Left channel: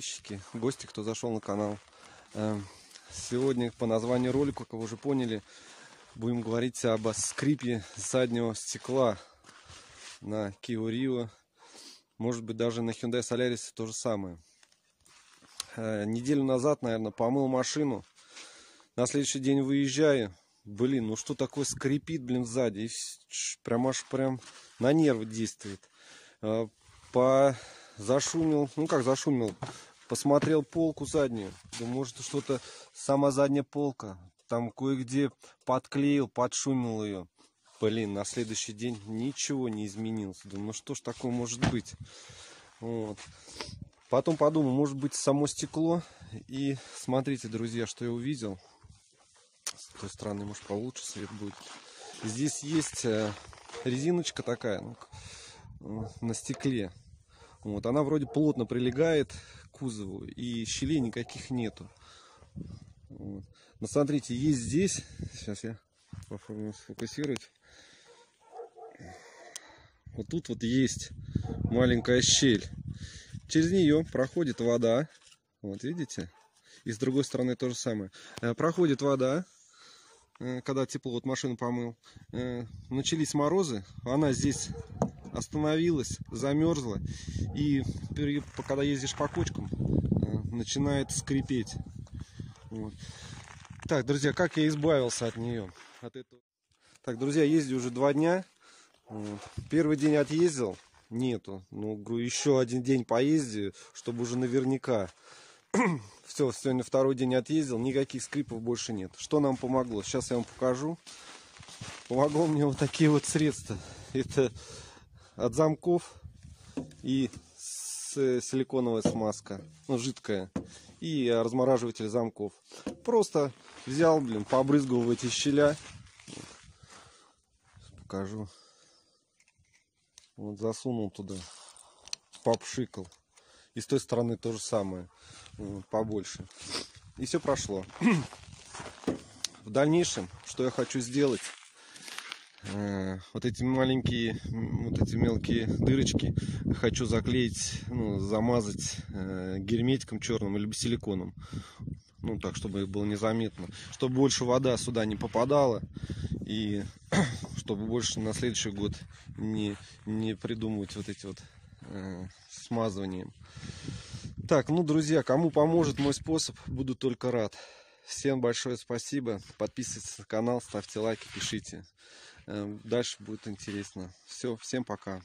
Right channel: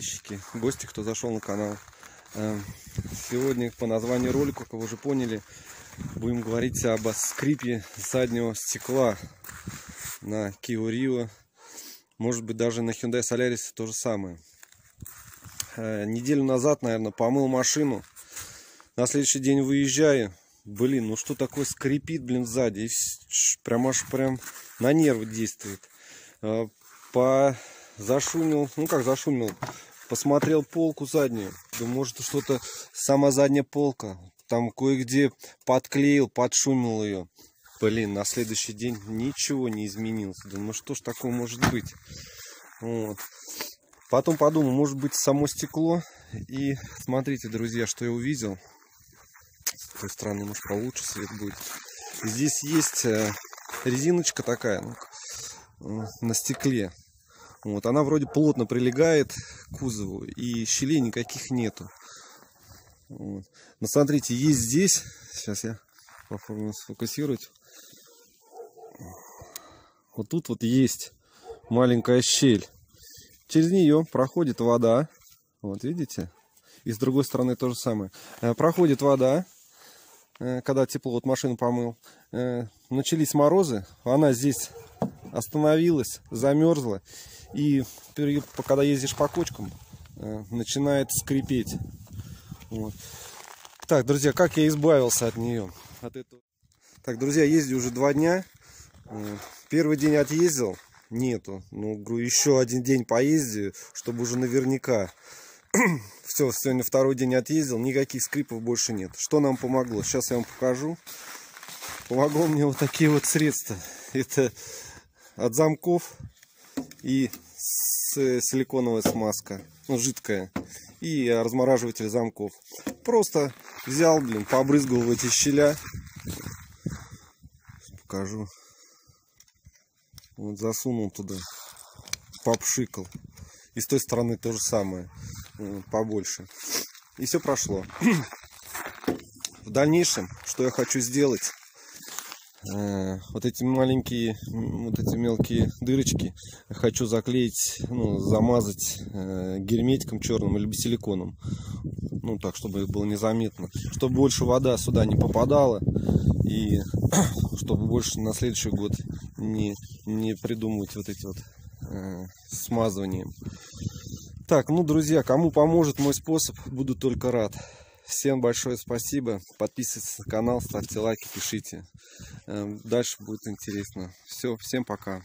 подписчики, гости, кто зашел на канал. Сегодня по названию ролика, как вы уже поняли, будем говорить об скрипе заднего стекла на Kia Rio. Может быть, даже на Hyundai Solaris то же самое. Неделю назад, наверное, помыл машину. На следующий день выезжаю. Блин, ну что такое скрипит, блин, сзади. Прям аж на нервы действует. Зашумел, ну как зашумел, посмотрел полку заднюю. Думаю, может, что-то сама задняя полка. Там кое-где подклеил, подшумел ее. Блин, на следующий день ничего не изменилось. Думаю, ну что ж такое может быть? Вот. Потом подумал, может быть, само стекло. И смотрите, друзья, что я увидел. С той стороны, может, получше свет будет. Здесь есть резиночка такая, на стекле. Вот, она вроде плотно прилегает к кузову, и щелей никаких нету. Вот. Но смотрите, есть здесь. Сейчас я попробую сфокусировать. Вот тут вот есть маленькая щель. Через нее проходит вода. Вот видите? И с другой стороны то же самое. Проходит вода, когда тепло, вот машину помыл. Начались морозы, она здесь остановилась, замерзла. И когда ездишь по кочкам, начинает скрипеть. Вот. Так, друзья, как я избавился от нее? Так, друзья, ездил уже 2 дня. Первый день отъездил, нету. Ну, говорю, еще один день поездил, чтобы уже наверняка. Все, сегодня второй день отъездил, никаких скрипов больше нет. Что нам помогло? Сейчас я вам покажу. Помогло мне вот такие вот средства. Это от замков и силиконовая смазка, ну, жидкая, и размораживатель замков. Просто взял, блин, побрызгал в эти щеля. Покажу. Вот засунул туда, попшикал. И с той стороны то же самое, побольше. И все прошло. В дальнейшем, что я хочу сделать, вот эти маленькие, вот эти мелкие дырочки хочу заклеить, ну, замазать герметиком черным или силиконом. Ну, так, чтобы их было незаметно. Чтобы больше вода сюда не попадала. И чтобы больше на следующий год не придумывать вот эти вот смазыванием. Так, ну, друзья, кому поможет мой способ, буду только рад. Всем большое спасибо. Подписывайтесь на канал, ставьте лайки, пишите. Дальше будет интересно. Все, всем пока.